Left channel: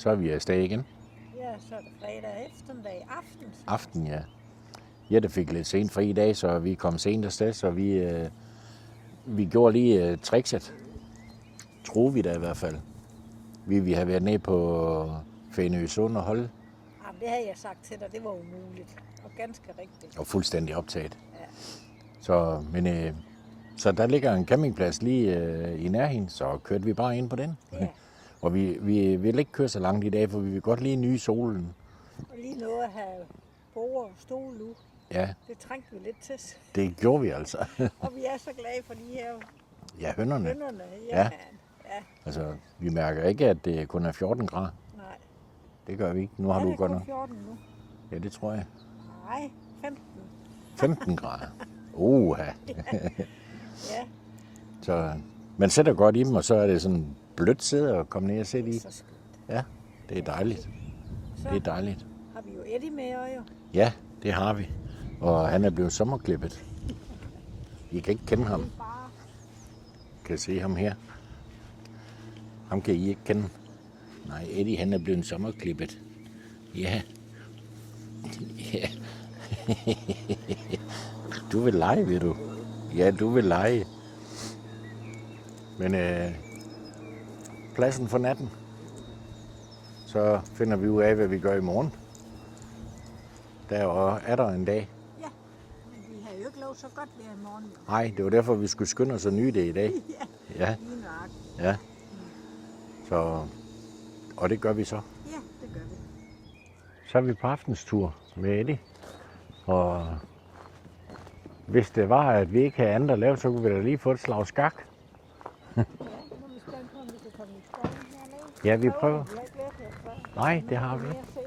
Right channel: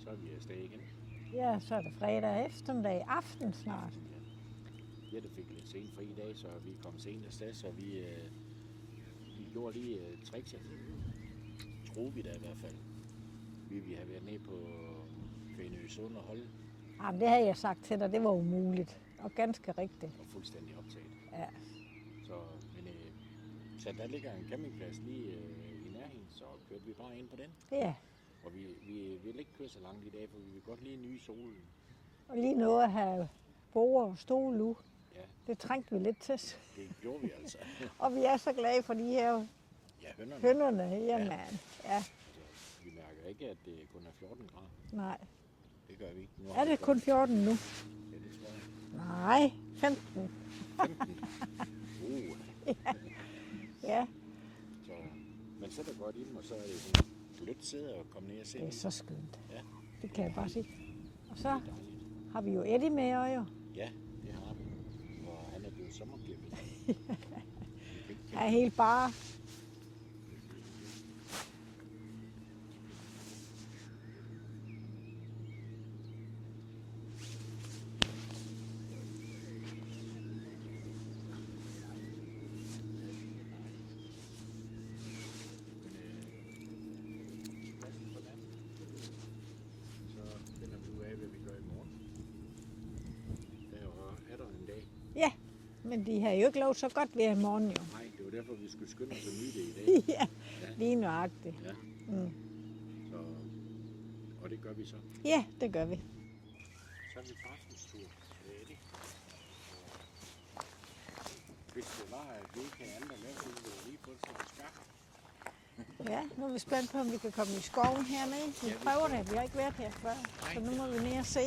så er vi afsted igen. Ja, så er det fredag eftermiddag, aften. Aften, ja. Jette fik lidt sent fri i dag, så vi kom sent afsted, så vi gjorde lige trickset. Tror vi da i hvert fald. Vi har været nede på Fænø Sund og holde. Jamen, det havde jeg sagt til dig, det var umuligt. Og ganske rigtigt. Og fuldstændig optaget. Ja. Så der ligger en campingplads lige i nærheden, så kørte vi bare ind på den. Ja. Og vi vil ikke køre så langt i dag, for vi vil godt lige nyde solen. Og lige nå at have bord og stol ud. Ja, Det trængte vi lidt til. det gjorde vi altså. Og vi er så glade for de her Ja, hønnerne. hønderne. Ja. Ja. Altså, vi mærker ikke, at det kun er 14 grader. Nej. Det gør vi ikke. Nu har Er du det godt kun nok. 14 nu? Ja, det tror jeg. Nej, 15. 15 grader. Oha. Ja, Så man sætter godt i dem, og så er det sådan blødt sæde at komme ned og sætte det i. er så skønt. Ja, det er dejligt. Så Det er dejligt. har vi jo Eddie med øjer. Ja, det har vi. Og han er blevet sommerklippet. I kan ikke kende Ja, ham. helt bare. Kan se ham her. Ham kan I ikke kende. Nej, Eddie han er blevet sommerklippet. Ja. Ja. Du vil lege, ved du. Ja, du vil lege. Men pladsen for natten. Så finder vi ud af, hvad vi gør i morgen. Der er der en dag. Ja, men de har jo ikke lov så godt ved i morgen jo. Nej, det var derfor, vi skulle skynde os at nyde det i dag. Ja, Ja, lige nøjagtigt. ja. Så, og det gør vi så. Ja, det gør vi. Så er vi på aftenstur med Eddie. Og hvis det var, at vi ikke havde andet at lave, så kunne vi da lige få et slag skak. Ja, nu er vi spændt på, om vi kan komme i skoven hernede. Ja, vi prøver. Jeg har ikke været her før. Nej, Så det har vil vi. mere at se.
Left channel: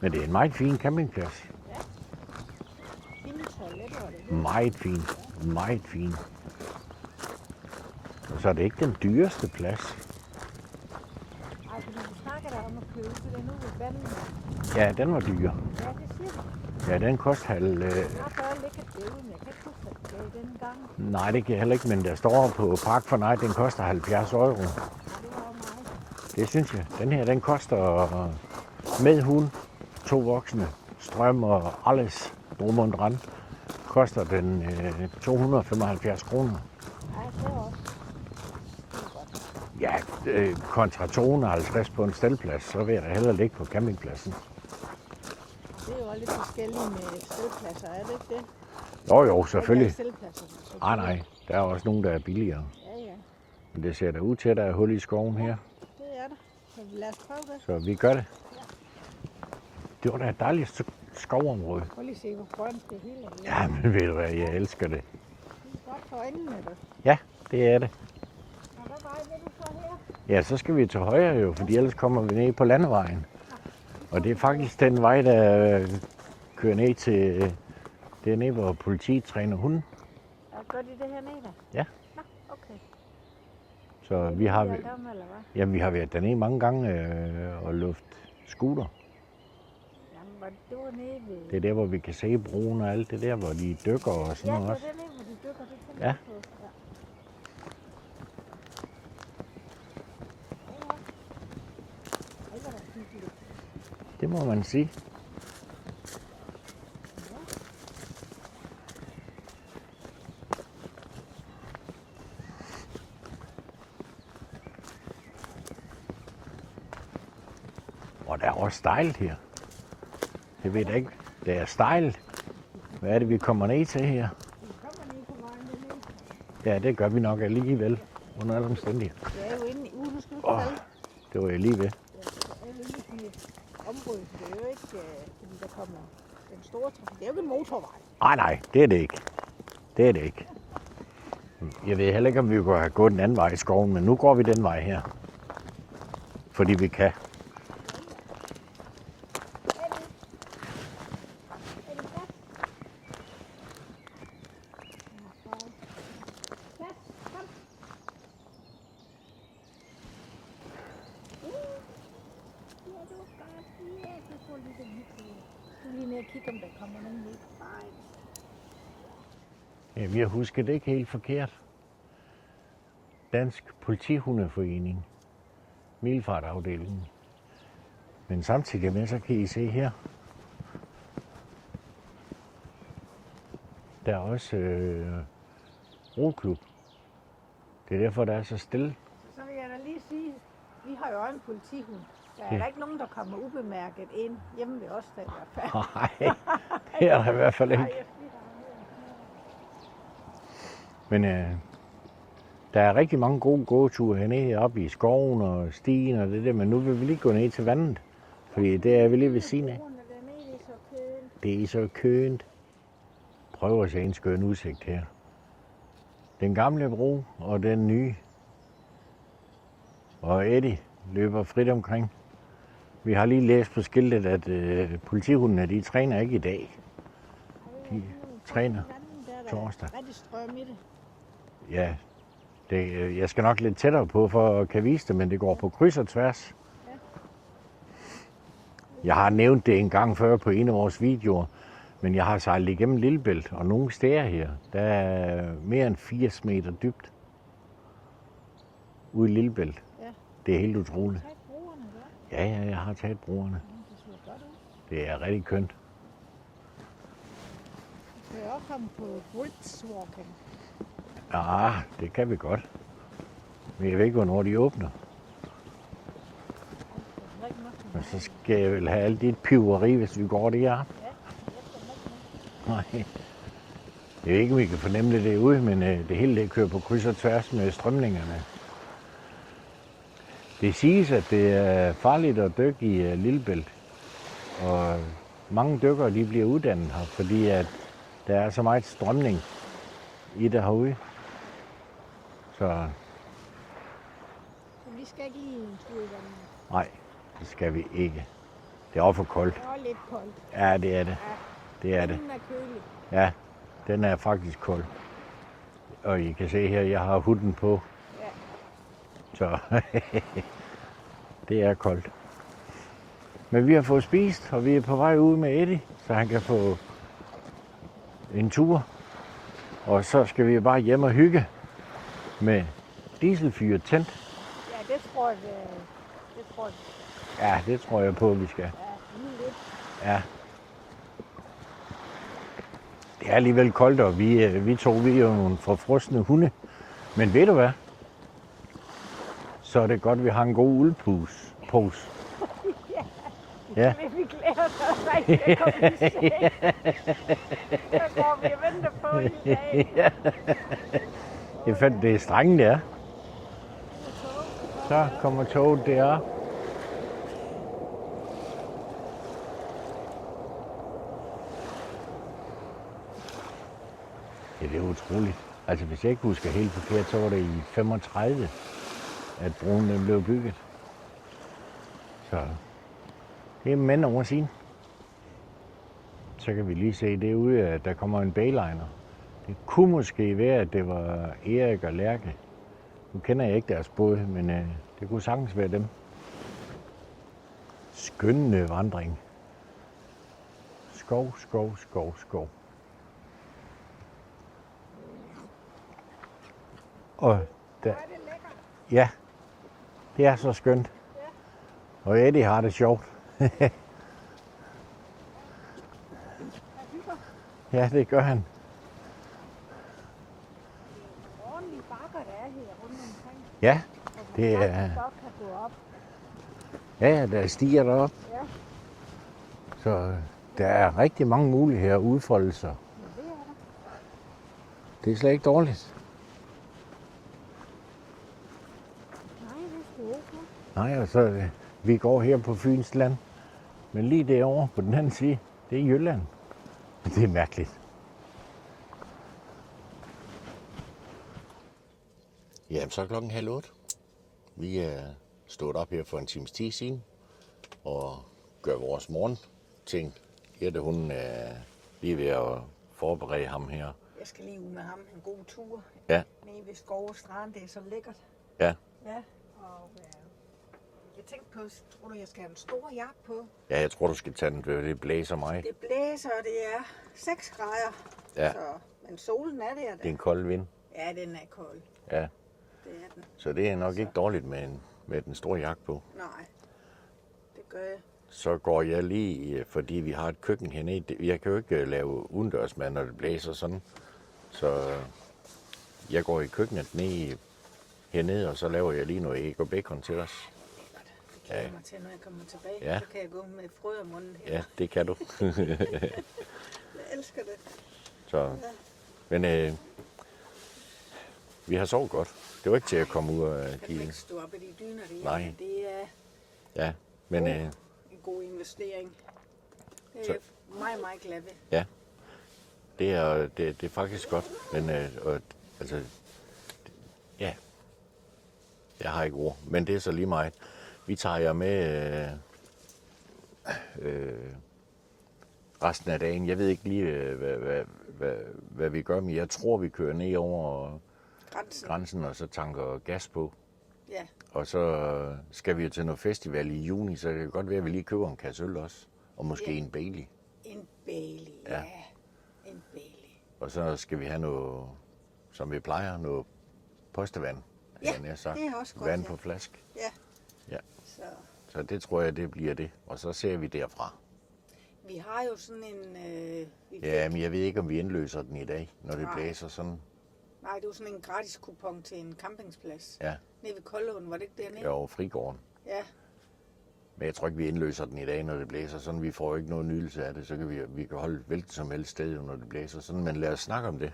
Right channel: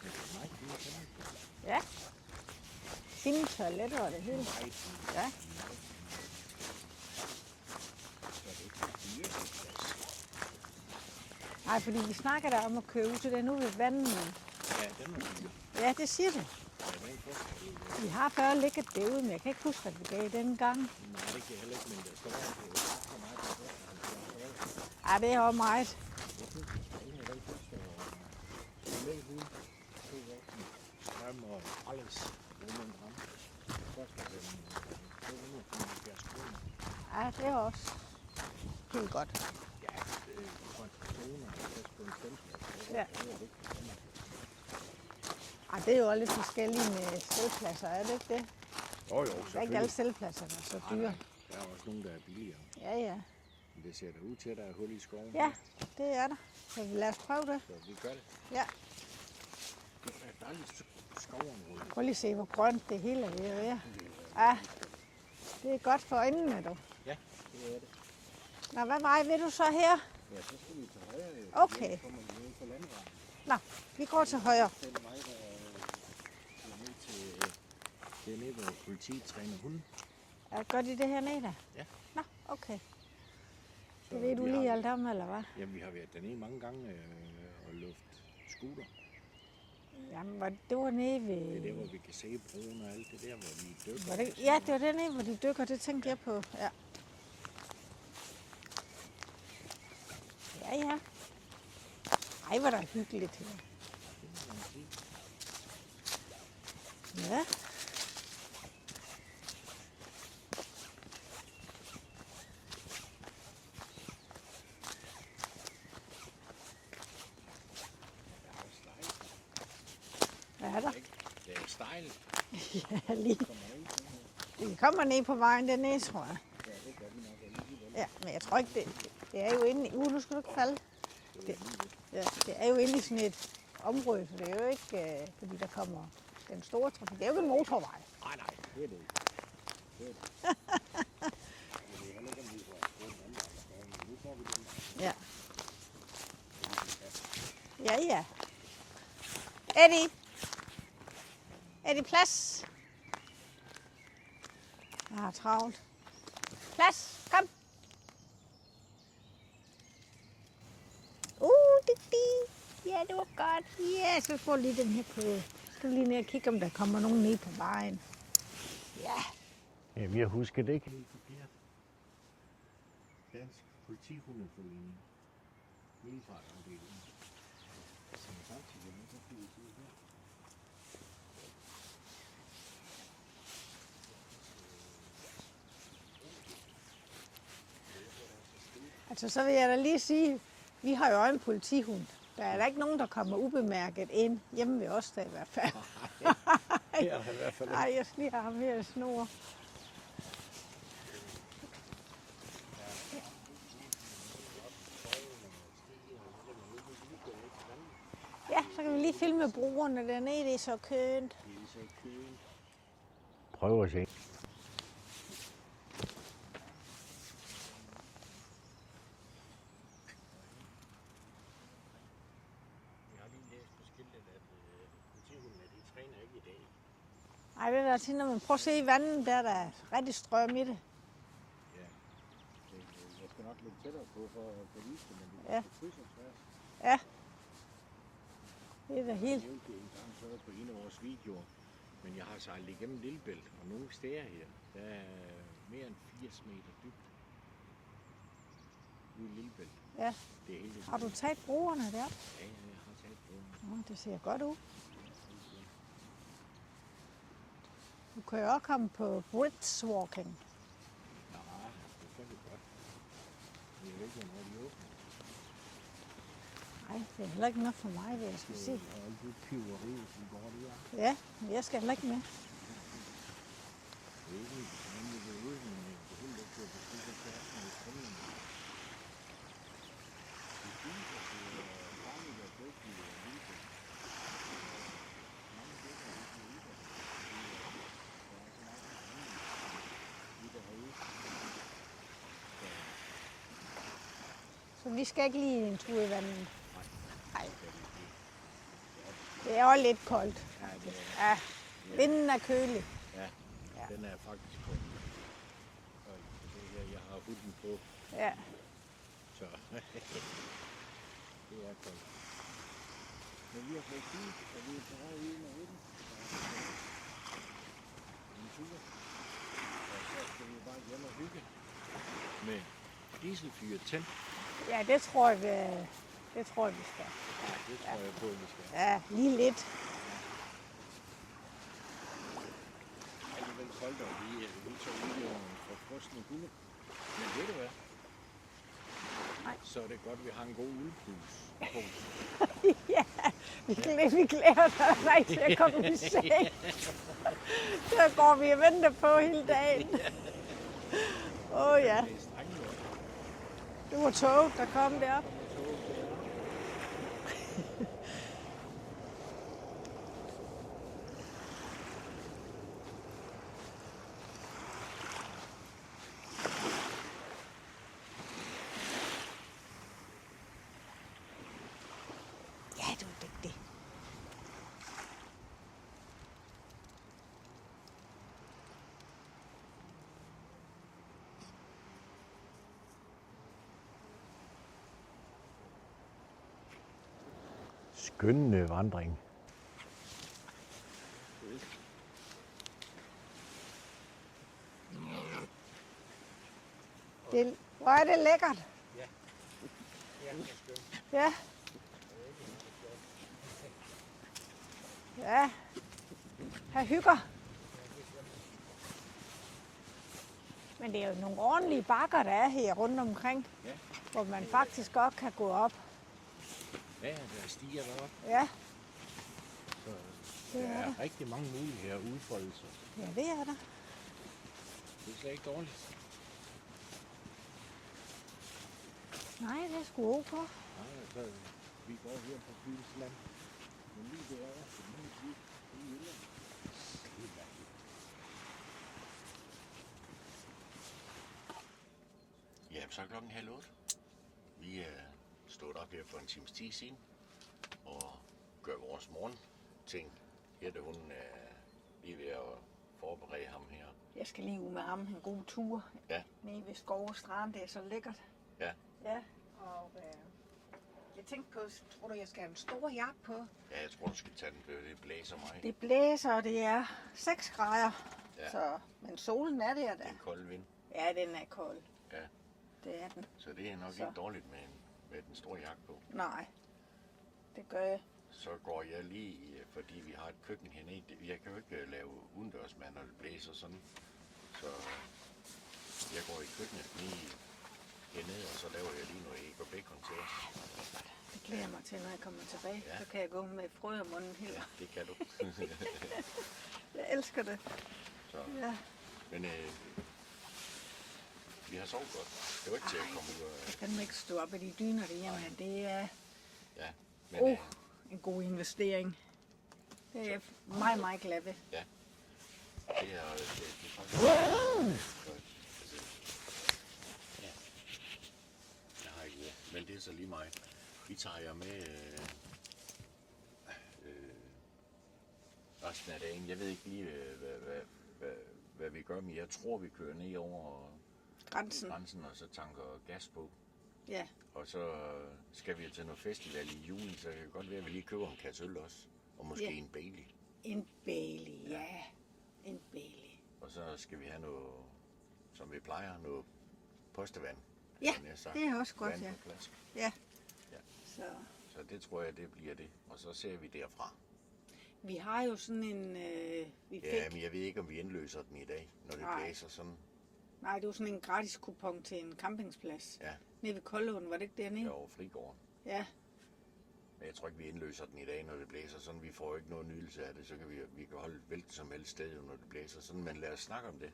Men det er en meget fin campingplads. Ja. Fine toiletter og det hele. Meget fin. Meget fin. Og så er det ikke den dyreste plads. Nej, fordi vi snakker der om at køre ud til den ude ved vandet. Ja, den var dyr. Ja, det siger du. Ja, den koster halv... Jeg har før ligget derude, men jeg kan ikke huske, hvad det gav den gang. Nej, det kan jeg heller ikke, men der står på Park for Night, den koster 70 euro. Ja, det er også meget. Det synes jeg. Den her, den koster med hund, 2 voksne, strøm og alles, drum og dran, koster den 275 kroner. Ja, det er også. Det er godt. Ja, kontra 250 på en staldplads, så vil jeg da hellere ligge på campingpladsen. Ej, det er jo også lidt forskelligt med stedpladser, er det ikke det? Jo, selvfølgelig. Stedpladser. Nej, der er også nogle, der er billigere. Ja, ja. Men det ser da ud til, at der er hul i skoven Ja, her, det er der. Så lad os prøve det. så vi gør det. Ja. Det var da et dejligt skovområde. Prøv lige at se, hvor grønt det hele er. Ja, men ved du hvad, jeg elsker det. Det er godt for øjnene, du. Ja, det er det. Nå, hvad vej vil du så her? Ja, så skal vi til højre jo, fordi Okay. ellers kommer vi ned på landevejen. Nå, vi går Og det er til højre. faktisk den vej, der kører ned til, det er nede, hvor politiet træner hunden. Gør de det her nede da? Ja. Nå, okay. Så Er vi har, eller hvad? jamen, vi har været dernede mange gange og luft scooter. Jamen, det var nede ved... Det er der, hvor vi kan se broen og alt det der, hvor de dykker og sådan Ja, det noget. var også. dernede, hvor de dykker. Det tænkte Ja. jeg på. Ja. Ja, ja. Ej, hvor er der hyggeligt. Det må man sige. Ja. Og der er også stejlt her. Det ved jeg ikke. Det er stejlt. Hvad er det, vi kommer ned til her? Vi kommer ned på vejen dernede, tror jeg. Ja, det gør vi nok alligevel. Ja, men jeg Under tror ikke, omstændigheder. det er jo inde i... du skal ikke Åh. falde. Det var jeg lige ved. Ja, det er jo inde i sådan et område. Det er jo ikke, fordi der kommer den store trafik. Det er jo ikke en motorvej. Nej, det er det ikke. Det er det ikke. Jeg ved heller ikke, om vi kunne have gået den anden vej i skoven, men nu går vi den vej her. Ja. Fordi vi kan. Ja, ja. Eddie. Eddie, plads. Jeg har travlt. Plads, kom. Ja, det var godt. Ja, så får lige den her på. Så lige ned og kigge, om der kommer nogen ned på vejen. Ja. Jamen, jeg husker det ikke helt forkert. Dansk Politihundeforening. Milfartafdelingen. Men samtidig med, så kan I se her. Der er også roklub. Det er derfor, der er så stille. Altså, så vil jeg da lige sige, vi har jo en politihund. Der er da ikke nogen, der kommer ubemærket ind hjemme ved os, der i hvert fald. Nej, det er der i hvert fald ikke. Nej, jeg skal lige have ham her i snor. Men der er rigtig mange gode gåture hernede oppe i skoven og stien og det der, men nu vil vi lige gå ned til vandet. Ja, Fordi det er vi lige ved siden af. Broerne dernede, det er så kønt. Det er så kønt. Prøv at se en skøn udsigt her. Den gamle bro og den nye. Og Eddie løber frit omkring. Vi har lige læst på skiltet, at politihundene, de træner ikke i dag. Ej, det er da til, når man får at se vandet, der er torsdag. rigtig strøm i det. Ja, jeg skal nok lidt tættere på for at kan vise det, men det går på kryds og tværs. Ja. Jeg har nævnt det en gang før på en af vores videoer, men jeg har sejlet igennem Lillebælt, og nogle steder her, der er mere end 80 meter dybt ude i Lillebælt. Ja. Det er helt Har du utroligt. taget broerne der? Ja, jeg har taget broerne. Det ser godt ud. Det er rigtig kønt. Du kan jo også komme på bridgewalking. Ja, det kan vi godt. Men jeg ved ikke, hvornår de åbner. Ej, det er heller ikke noget for Og mig. så skal jeg vel have alt dit piveri, hvis vi går det her. Ja, jeg skal heller ikke med. Nej. Jeg ved ikke, om vi kan fornemme det derude, men det hele det kører på kryds og tværs med strømningerne. Det siges, at det er farligt at dykke i Lillebælt. Og mange dykkere de bliver uddannet her, fordi at der er så meget strømning i det herude. Så Så vi skal ikke lige en tur i vandet. nej, det skal vi ikke. Det er også for koldt. Det er også lidt koldt. Ja, det er det. Ja, Det er det. vinden er kølig. Ja, den er faktisk kold. Og I kan se her, jeg har huden på, Ja. så det er koldt. Men vi har fået spist, og vi er på vej ud med Eddie, så han kan få en tur. Og så skal vi bare hjem og hygge med dieselfyret tændt. Ja, det tror jeg, vi skal. Ja, det tror jeg på, vi skal. Ja, lige lidt. Ja. Det er alligevel koldt, og vi er jo nogle forfrosne hunde. Men ved du hvad? Så er det godt, at vi har en god uldpose. Ja. Vi glæder os rigtig til at komme i seng. Så går vi og venter på hele dagen. Det fandt det er strengt, det er. Det var tog, der kom Så der. kommer toget der. Ja, det er utroligt. Altså, hvis jeg ikke husker helt forkert, så var det i 35, at broen den blev bygget. Så Ja, det var det. det er mænd over siden. Så kan vi lige se derude, at der kommer en bayliner. Det kunne måske være, at det var Erik og Lærke. Nu kender jeg ikke deres båd, men det kunne sagtens være dem. Skønne vandring. Skov, skov, skov, skov. Og Hvor er det lækkert. ja, det er så skønt. Ja, Og Eddie har det sjovt. ja. Han hygger. Ja, det gør han. Men det er jo nogle ordentlige bakker, der er her rundt omkring, Ja, hvor man Det er- faktisk godt kan gå op. ja, der stiger derop. Ja, Så der er rigtig mange muligheder at udfolde sig. ja det er der. Det er slet ikke dårligt. Nej, det er sgu okay. Nej, og så vi går her på Fyns land. Men lige derovre på den anden side, det er Jylland. Det er mærkeligt. Jamen, så er klokken 7:30. Vi er stået op her for en times tid siden og gør vores morgenting. Jette, hun er lige ved at forberede ham her. Jeg skal lige ud med ham en god tur. Ja. Nede ved Skov og Strand, det er så lækkert. Ja. Ja, og jeg tænkte på, tror du, jeg skal have en stor jakke på? Ja, jeg tror, du skal tage den, for det blæser mig. Det blæser, og det er 6 grader. Ja. Så, men solen er der Det er da. en kold vind. Ja, den er kold. Ja. Det er den. Så det er nok ikke dårligt med den store jakke på. Nej, det gør jeg. så går jeg lige, fordi vi har et køkken hernede. Jeg kan jo ikke lave udendørsmad, når det blæser sådan. Så jeg går i køkkenet hernede, og så laver jeg lige noget æg og bacon til os. Det kan jeg mig til, når jeg kommer tilbage. Ja. Så kan jeg gå med frø om munden her. Ja, det kan du. Jeg elsker det. Så. Ja. Men vi har sovet godt. Det var ikke til at komme ud af Kan man bilen. ikke stå op i de dyner der? Nej. Det er Ja, men en god investering. Det er meget, meget glad ved. ja, det er faktisk godt. Men altså, ja, jeg har ikke ord, men det er så lige meget. Vi tager jer med resten af dagen. Jeg ved ikke lige, hvad vi gør, men jeg tror, vi kører ned over grænsen og så tanker gas på. Ja. Og så skal vi jo til noget festival i juni, så det kan godt være, at vi lige køber en kasse øl også. Og måske en Bailey. En Bailey, Ja. En Bailey. Og så skal vi have noget, som vi plejer, noget postevand. Ja, havde jeg nær sagt. det er også godt, Vand ja. på flaske. Ja. Ja. Så Så det tror jeg, det bliver det. Og så ser vi derfra. vi har jo sådan en... Ja, men jeg ved ikke, om vi indløser den i dag, når det Nej. blæser sådan. Nej, det var sådan en gratis kupon til en campingsplads. Ja, Nede ved Koldåen, var det ikke dernede? jo, frigården. Ja. Men jeg tror ikke, vi indløser den i dag, når det blæser sådan. Vi får jo ikke noget nydelse af det. Så kan vi kan holde hvilket som helst sted, når det blæser sådan. Men lad os snakke om det.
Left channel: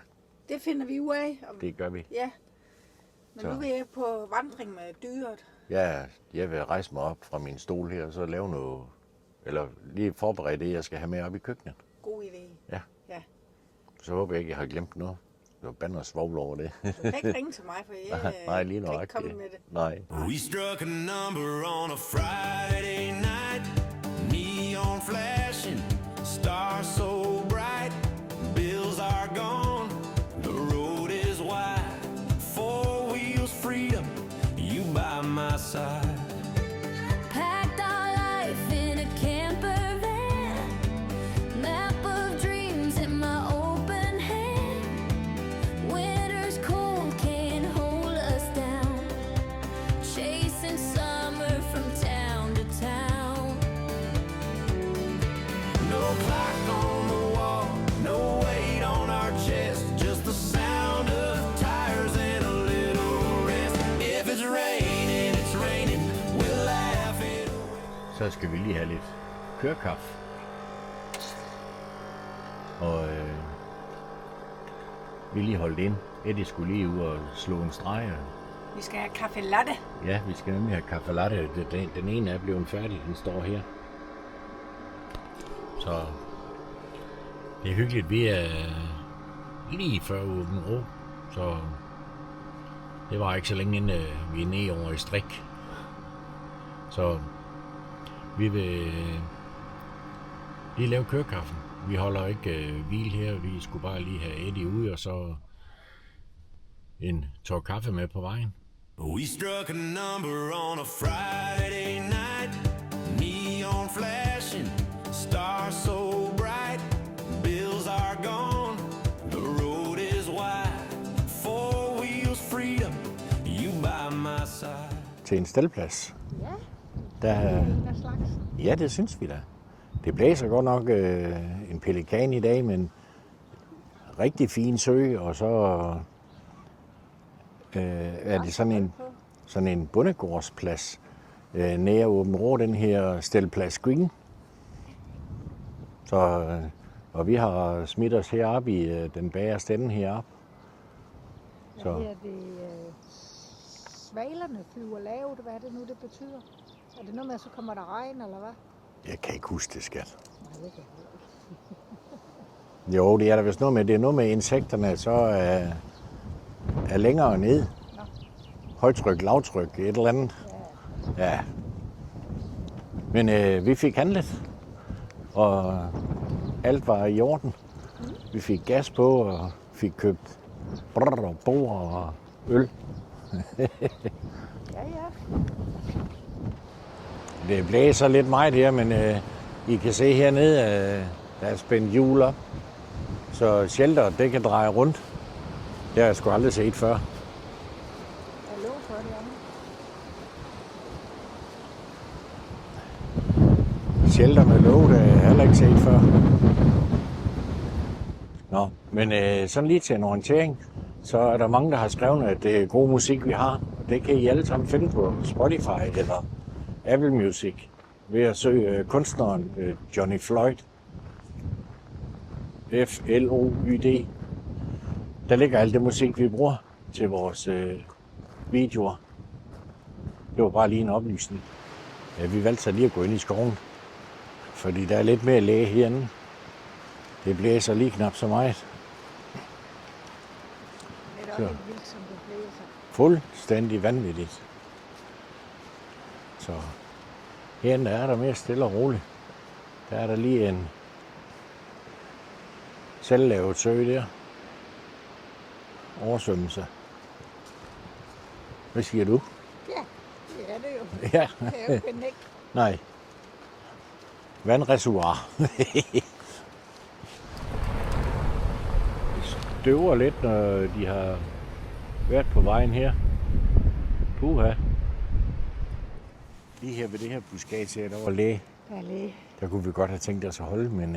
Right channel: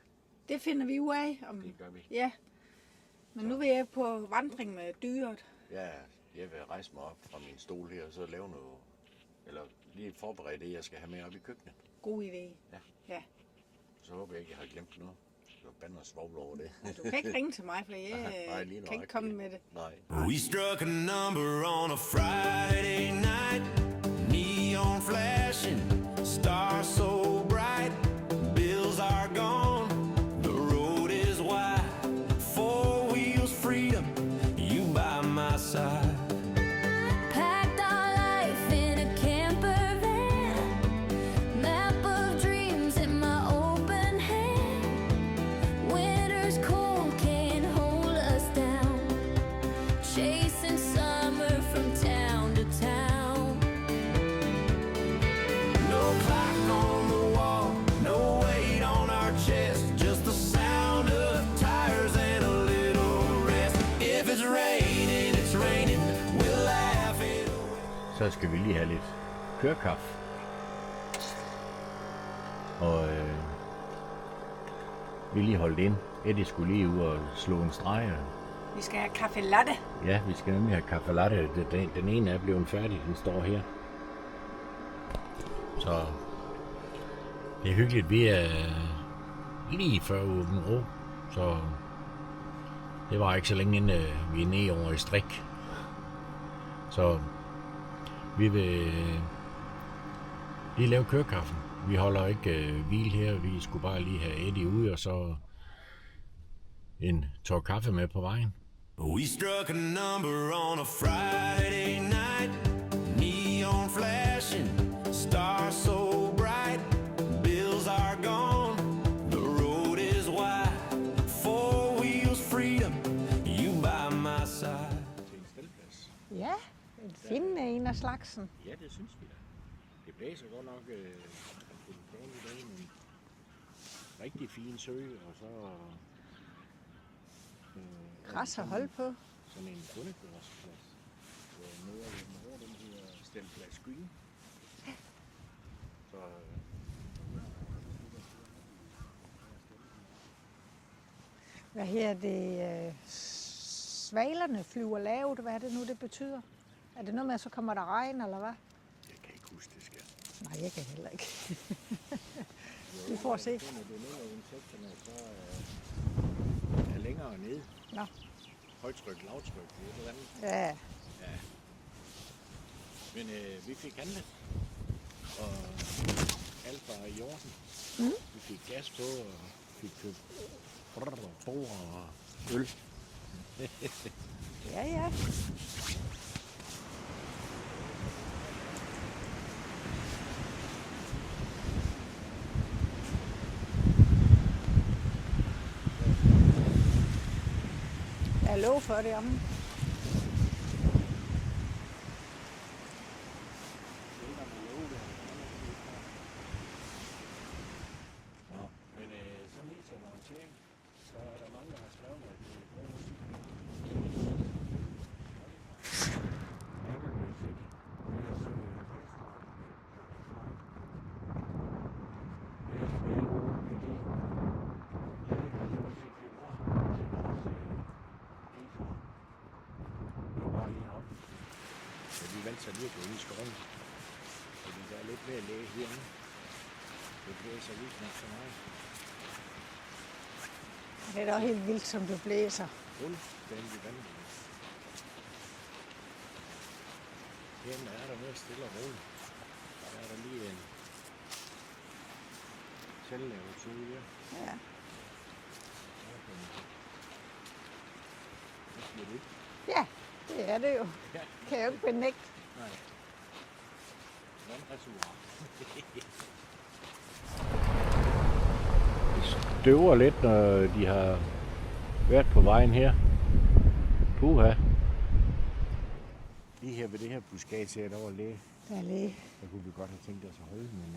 Det finder vi ud af. Det gør vi. Ja. Men Så. nu er jeg på vandring med dyret. Ja, jeg vil rejse mig op fra min stol her, og så lave noget, eller lige forberede det, jeg skal have med op i køkkenet. God idé. Ja. Ja. Så håber jeg ikke, jeg har glemt noget. Så bander og svovl over det. Du kan ikke ringe til mig, for jeg Nej, lige kan ikke nøjagtigt. komme med det. Nej. We struck a number on a Friday night. Neon flashing, stars so bright. Bills are gone, the road is wide. Four wheels freedom, you by my side. Packed our life in a camper van. Map of dreams in my open hand. Winter's cold can't hold us down. Chasing summer from town to town. No clock on the wall, no weight on our chest. Just the sound of tires and a little rest. If it's raining, we'll laugh it away. Så skal vi lige have lidt kørekaffe. Og vi lige holdt ind. Eddie skulle lige ud og slå en streg. Vi skal have kaffe latte. Ja, vi skal nemlig have kaffe latte. Den ene er blevet færdig. Den står her. Så det er hyggeligt. Vi er lige før åben rå. Så det var ikke så længe inden vi er nede over i strik. Så vi vil lige lave kørekaffen. Vi holder ikke hvil her. Vi skulle bare lige have Eddie ude og så en tår kaffe med på vejen. We struck a number on a Friday night. Neon flashing, stars so bright. Bills are gone, the road is wide. Four wheels freedom, you by my side. Til en staldplads. Ja, Der, det er en af slagsen. ja, det synes vi da. Det blæser godt nok en pelikan i dag, men rigtig fin sø, og så er det sådan en bondegårdsplads nær Åben Rå, den her Stelplads Green. Så, og vi har smidt os heroppe i den bagerste ende heroppe. Hvad Så. her det? Svalerne flyver lavt. Hvad er det nu, det betyder? Er det noget med, at så kommer der regn, eller hvad? Jeg kan ikke huske det, skat. Nej, jeg kan heller ikke. Jo, det er der vist noget med. Det er noget med insekterne, så er længere ned. Nå. Højtryk, lavtryk, et eller andet. Ja, Ja. Men vi fik handlet, og alt var i orden. Vi fik gas på, og fik købt brrr og bord og øl. ja. Det blæser lidt meget her, men I kan se hernede, der er spændt hjul op. Så shelteret, det kan dreje rundt. Det har jeg sgu aldrig set før. Jeg lov for det om. shelter med låg, der har jeg heller ikke set før. Nå, men sådan lige til en orientering, så er der mange, der har skrevet, at det er god musik, vi har. Det kan I alle sammen finde på Spotify eller Apple Music ved at søge kunstneren Johnny Floyd. F-L-O-Y-D. Der ligger alt det musik, vi bruger til vores videoer. Det var bare lige en oplysning. Ja, vi valgte så lige at gå ind i skoven, fordi der er lidt mere læge herinde. Det blæser lige knap så meget. Det er da også helt vildt, som det blæser. Fuldstændig vanvittigt. Så herinde er der mere stille og roligt. Der er der lige en selvlavet sø der. Oversvømmelse. Hvad siger du? Ja, det er det jo. Ja. Kan jeg jo finde ikke. Nej. Vandreservoir. Det støver lidt, når de har været på vejen her. Puha. Lige her ved det her buskage her, der var læge. Der er læge. Der kunne vi godt have tænkt os at holde, men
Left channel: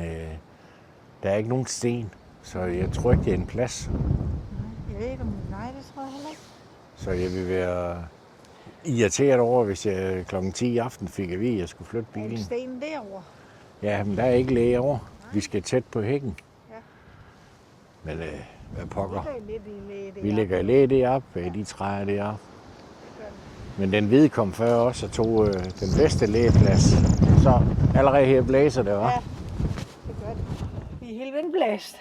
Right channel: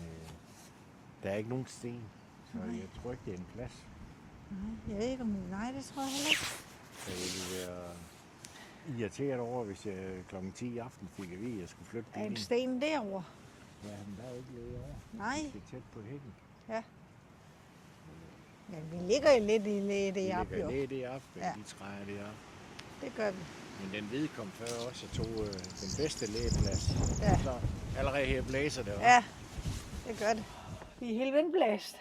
der er ikke nogen sten. Så jeg tror ikke, det er en plads. Jeg ved ikke, om det tror jeg ikke. Så jeg vil være irriteret over, hvis jeg kl. 10 i aften fik at vide, at jeg skulle flytte Er en bilen. sten derovre? Ja, men der er ikke læge over. Nej. Vi skal tæt på hækken. Ja. Men hvad Vi pokker? ligger lidt i læge Vi lægger læge deroppe, Ja. de træer deroppe. Det gør vi. Men den hvide kom før også og tog den bedste lægeplads. Ja. Så allerede her blæser det, hva'? Ja, det gør det. Vi er helt vindblæst.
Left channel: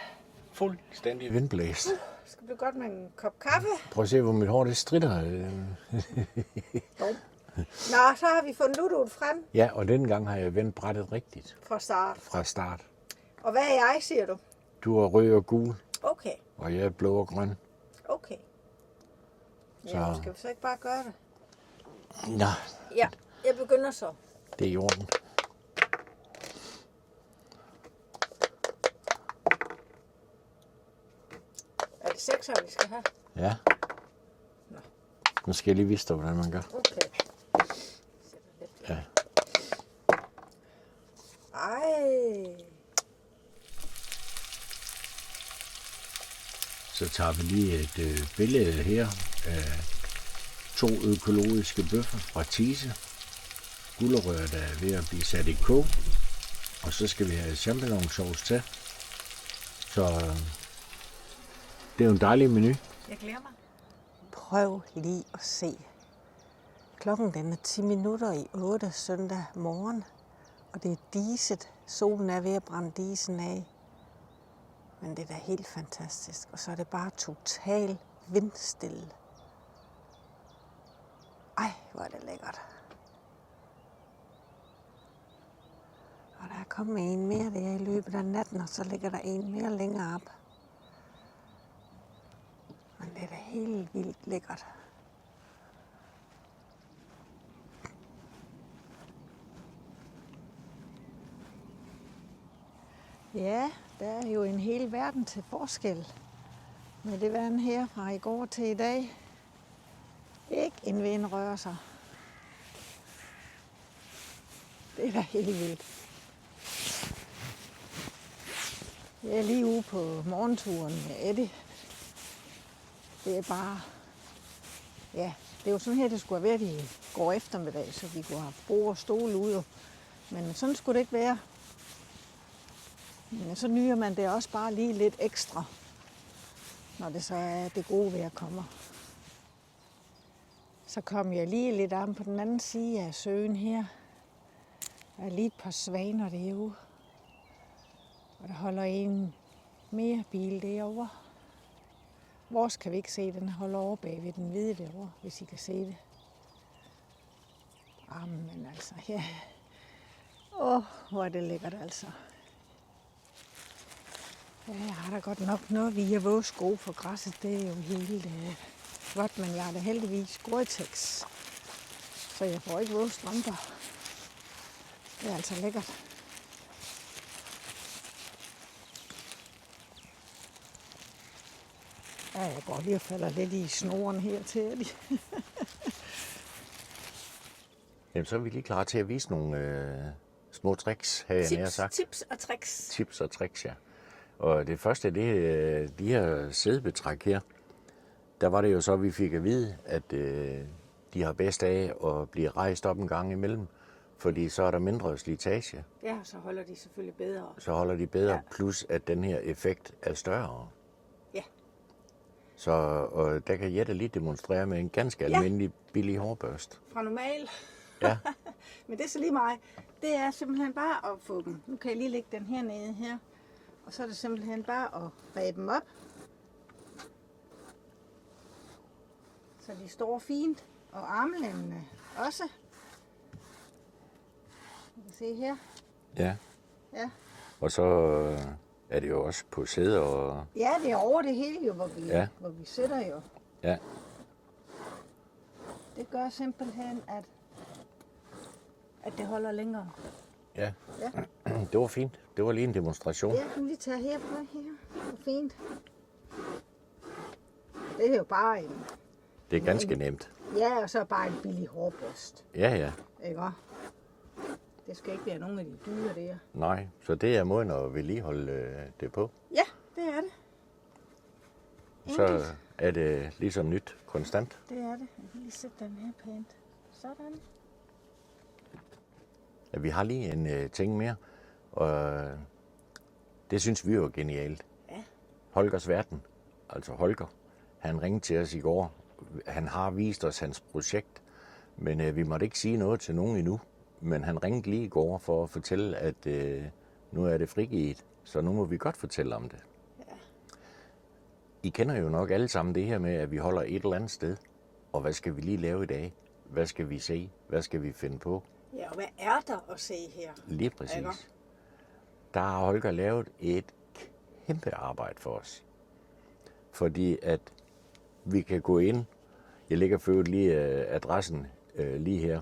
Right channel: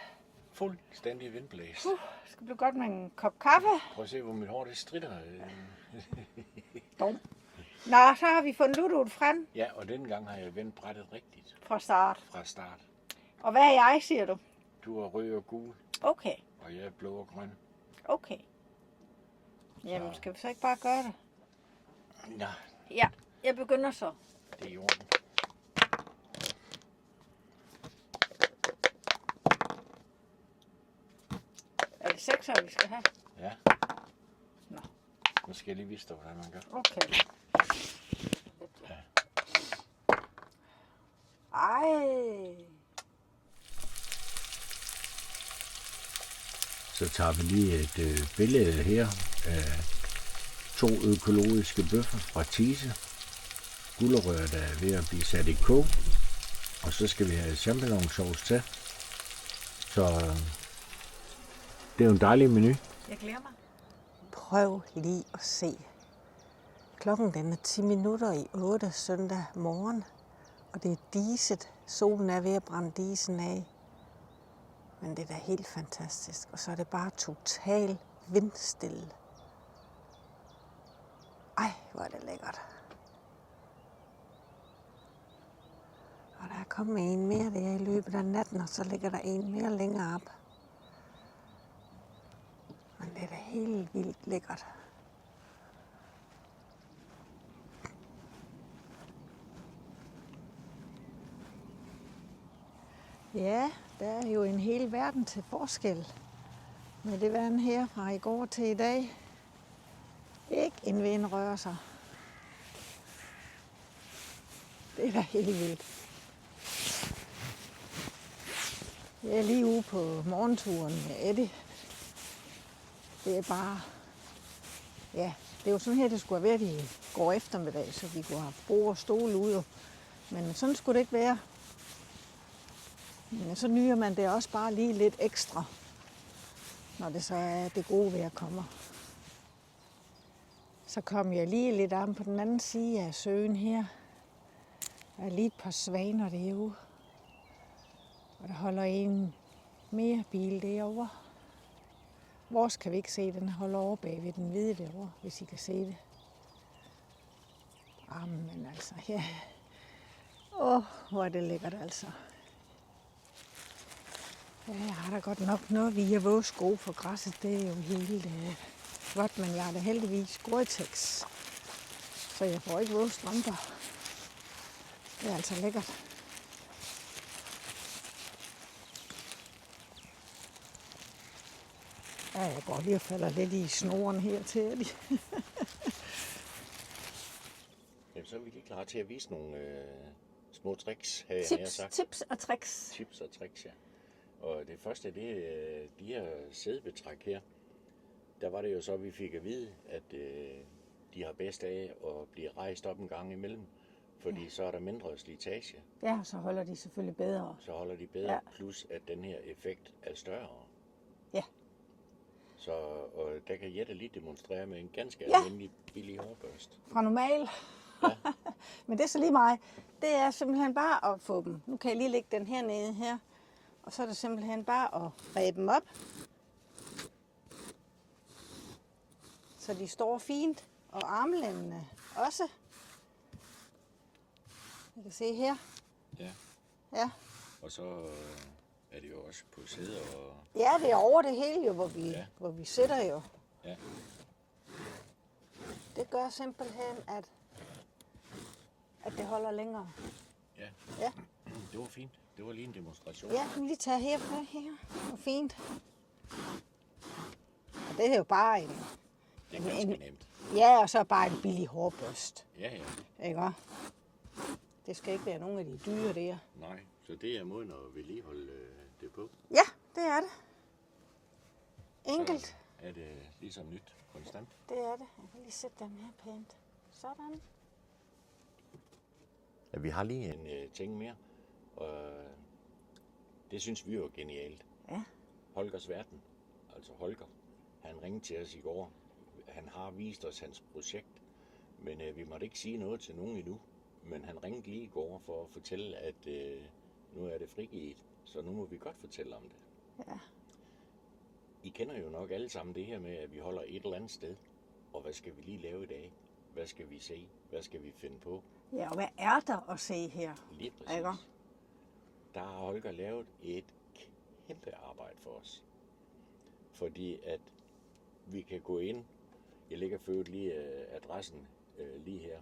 Fuldstændig vindblæst. Skal du godt med en kop kaffe? Prøv at se, hvor mit hår det stritter. Nå, så har vi fundet ludoet frem Ja, og denne gang har jeg vendt brættet rigtigt fra start. fra start. Og hvad er jeg, siger du? Du er rød og gul, Okay, og jeg er blå og grøn. okay. Jamen, Så- skal vi så ikke bare gøre det? Nå, Ja, jeg begynder så. det er i orden. Er det 6 vi skal have? Ja. Nå. Nu skal jeg lige vise dig, hvordan man gør. Okay. Ja. Ej. Så tager vi lige et billede her af 2 økologiske bøffer fra Thise. Gulerødder, der er ved at blive sat i kog. Og så skal vi have champignonsauce til. Så det er jo en dejlig menu. Jeg glæder mig. Prøv lige at se. Klokken den er 10 minutter i 8 søndag morgen, og det er diset. Solen er ved at brænde disen af. Men det er da helt fantastisk. Og så er det bare totalt vindstille. Ej, hvor er det lækkert. Og der er kommet en mere der i løbet af natten, og så ligger der en mere længere op. Men det er da helt vildt lækkert. Ja, der er jo en hel verden til forskel med det vand her fra i går til i dag. Ikke en vind rører sig. Det er da helt vildt. Jeg er lige ude på morgenturen med Eddie. Det er bare... Ja, det er jo sådan her, det skulle have været i går eftermiddag, så vi kunne have bord og stole ude. Men sådan skulle det ikke være. Men så nyder man det også bare lige lidt ekstra, når det så er det gode vejr kommer. Så kom jeg lige lidt om på den anden side af søen her. Der er lige et par svaner derude. Og der holder en mere bil derovre. Vores kan vi ikke se, den holder over bag ved den hvide derovre, hvis I kan se det. Jamen altså, ja. Hvor er det lækkert altså. Ja, jeg har da godt nok noget via vores sko, for græsset det er jo helt godt, men jeg har da heldigvis Gore-Tex, så jeg får ikke vores strømper. Det er altså lækkert. Ja, jeg går lige og falder lidt i snoren her til Eddie. Jamen, så er vi lige klar til at vise nogle små tricks, havde jeg nær sagt. Tips og tricks. Tips og tricks, ja. Og det første, det de her sædebetræk her, der var det jo så, at vi fik at vide, at de har bedst af at blive rejst op en gang imellem, fordi så er der mindre slitage. Ja, så holder de selvfølgelig bedre. Så holder de bedre, plus at den her effekt er større. Ja. Så og der kan Jette lige demonstrere med en ganske almindelig billig hårbørste. Fra normal. Ja. Men det er så lige mig. Det er simpelthen bare at få dem. Nu kan jeg lige lægge den her nede her. Og så er det simpelthen bare at ræbe dem op. Så de står fint. Og armlænene også. I kan se her. Ja. Ja. Og så er det jo også på sæder og... Ja, det er over det hele jo, hvor vi sidder jo. Ja. Det gør simpelthen, at det holder længere. Ja. Ja. Det var fint. Det var lige en demonstration. Ja, nu lige tage her på her. Det er fint. Og det er jo bare en... Det er ganske nemt. Ja, og så bare en billig hårbørst. Ja, ja. Ikke også? Det skal ikke være nogen af de dyre der. Nej, så det er måden at vedligeholde det på. Ja, det er det. Så er det ligesom nyt konstant. Det er det. Jeg kan lige sætte den her pænt. Sådan. Ja, vi har lige en ting mere, og det synes vi jo er genialt. Ja. Holgers Verden, altså Holger, han ringede til os i går. Han har vist os hans projekt, men vi måtte ikke sige noget til nogen endnu. Men han ringede lige i går for at fortælle, at nu er det frigivet, så nu må vi godt fortælle om det. Ja. I kender jo nok alle sammen det her med, at vi holder et eller andet sted. Og hvad skal vi lige lave i dag? Hvad skal vi se? Hvad skal vi finde på? Ja, og hvad er der at se her? Lige præcis. Ikke? Der har Holger lavet et kæmpe arbejde for os. Fordi at vi kan gå ind. Jeg lægger for øvrigt lige adressen lige her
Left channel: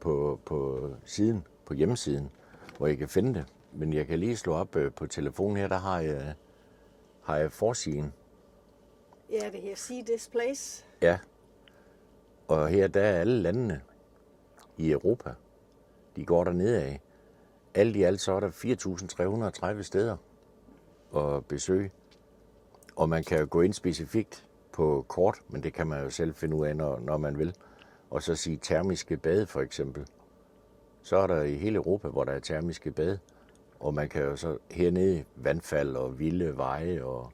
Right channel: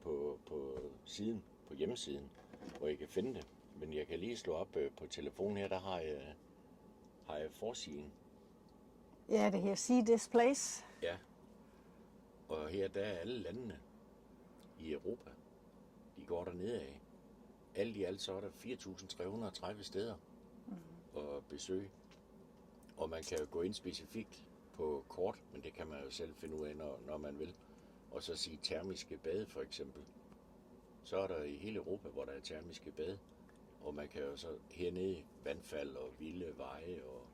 på siden, på hjemmesiden, hvor I kan finde det. Men jeg kan lige slå op på telefonen her, der har jeg forsiden. Ja, det her See This Place. Ja. Og her der er alle landene i Europa. De går dernede af. Alt i alt så er der 4.330 steder at besøge. Og man kan gå ind specifikt på kort, men det kan man jo selv finde ud af, når man vil. Og så sige termiske bade for eksempel. Så er der i hele Europa, hvor der er termiske bade. Og man kan jo så hernede vandfald og vilde veje og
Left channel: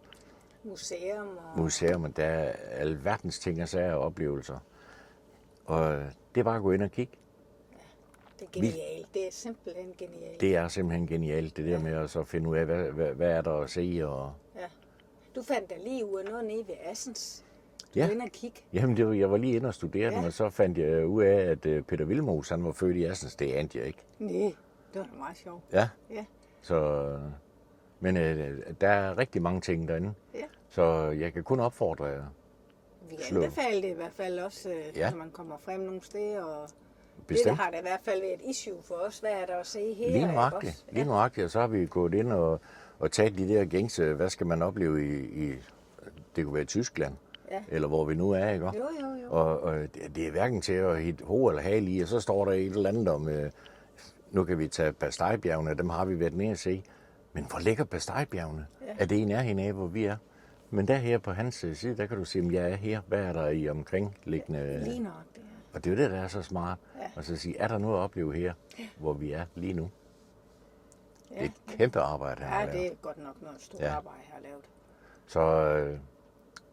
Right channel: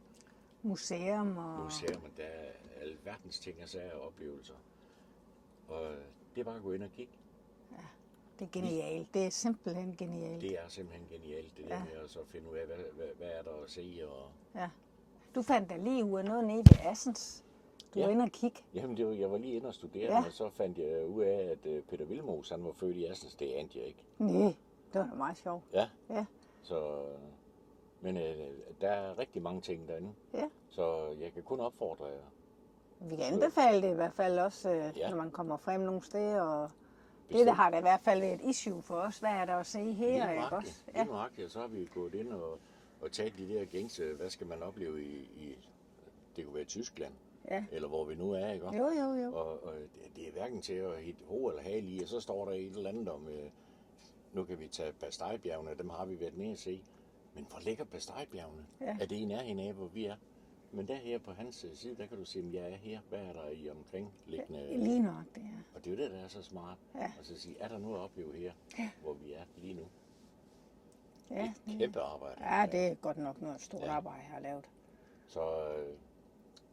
museum. Der er alverdens ting og sager og oplevelser. Og det er bare at gå ind og kigge. Det er genialt. Det er simpelthen genialt. Det er simpelthen genialt, det der med at så finde ud af, hvad er der at se. Og... Ja. Du fandt da lige ud af noget nede ved Assens. Du var inde og kigge. Jamen, jeg var lige inde og studere den, og så fandt jeg ud af, at Peter Vilmos, han var født i Assens. Det anede jeg ikke. Nej, det var da meget sjovt. Ja. Ja. Så, men der er rigtig mange ting derinde. Ja. Så jeg kan kun opfordre jer. Vi kan anbefale det i hvert fald også, når man kommer frem nogle steder. Og Bestemt. det har da i hvert fald et issue for os. Hvad er der at se her? Lige nøjagtigt. Og så har vi gået ind og taget de der gængse, hvad skal man opleve i det kunne være Tyskland, eller hvor vi nu er, ikke? Jo. Og det er hverken til at hitte hoved eller hale i, og så står der et eller andet om, nu kan vi tage Bastejbjergene, dem har vi været nede at se. Men hvor ligger Bastejbjergene? Ja. Er det i nærheden af, hvor vi er? Men der her på hans side, der kan du se, om jeg er her. Hvad er der i omkringliggende? Lige nok det. Og det er jo det, der er så smart. Ja. Og så sige, er der noget at opleve her, hvor vi er lige nu? Ja. Det er et kæmpe arbejde, han har det lavet. er godt nok noget stort arbejde, jeg har lavet. Så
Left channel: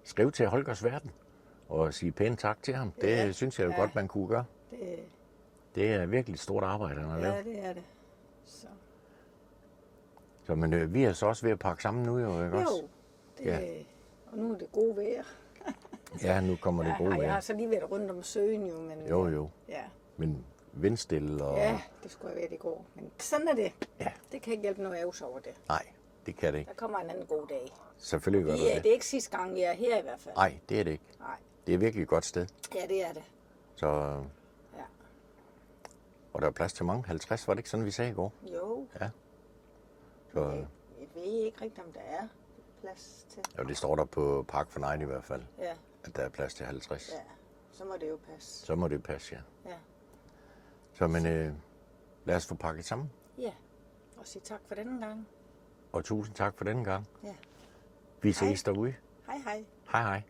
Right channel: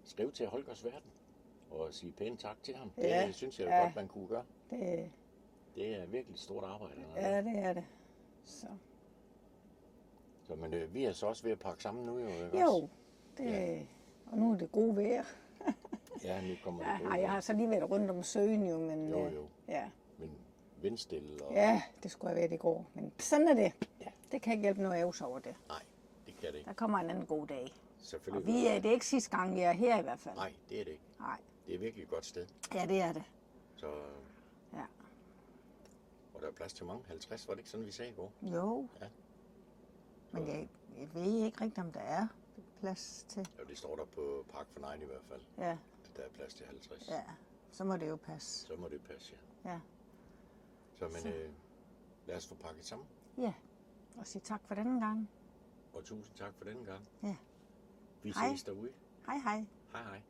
skriv til Holgers Verden og sige pænt tak til ham. Det synes jeg jo godt, man kunne gøre. Det er virkelig et stort arbejde, han har lavet. Ja, det er det. Så men vi er så også ved at pakke sammen nu, jo, ikke også? Jo, og nu er det gode vejr. Ja, nu kommer det gode vejr. Jeg har så lige været rundt om søen jo, men... Jo. Ja. Men vindstille og... Ja, det skulle have været i går. Men sådan er det. Ja. Det kan ikke hjælpe noget ævs over det. Nej, det kan det ikke. Der kommer en anden god dag. Selvfølgelig gør Det er ikke sidste gang, jeg er her i hvert fald. Nej, det er det ikke. Nej. Det er virkelig et godt sted. Ja, det er det. Så... Ja. Og der er plads til mange. 50, var det ikke sådan, vi sagde i går? Jo. Ja. Så... Jeg ved ikke rigtigt, om der er plads til... Jo, det står der på Park for Night i hvert fald. Ja. At der er plads til 50. Ja, så må det jo passe. Så må det passe, ja. Ja. Så men lad os få pakket sammen. Ja, og sige tak for denne gang. Og tusind tak for denne gang. Ja. Vi Hej. ses derude. Hej hej. Hej hej.